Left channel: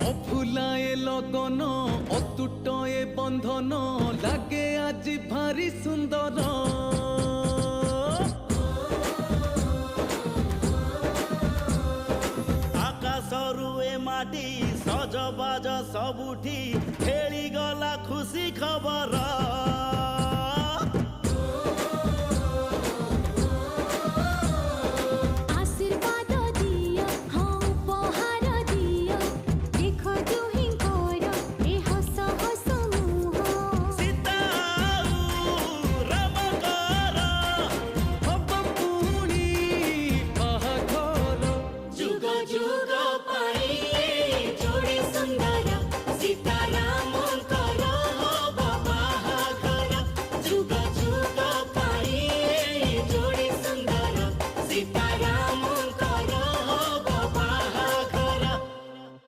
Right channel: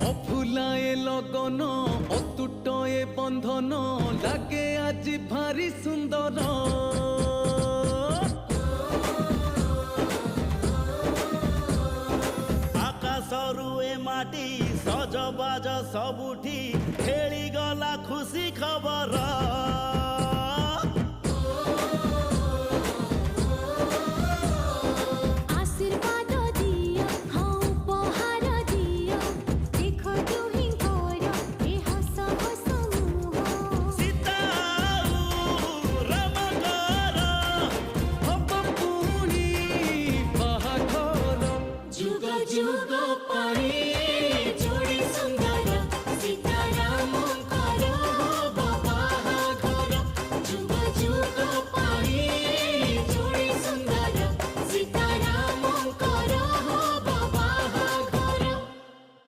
অফুলায়ে লগন অতুটয়ে বন্ধন লাগে আজি ভারি সুন্দর। আকাশরু এ মাটি সজবাজ সবুঠি খেলি গলা খুশি খবর।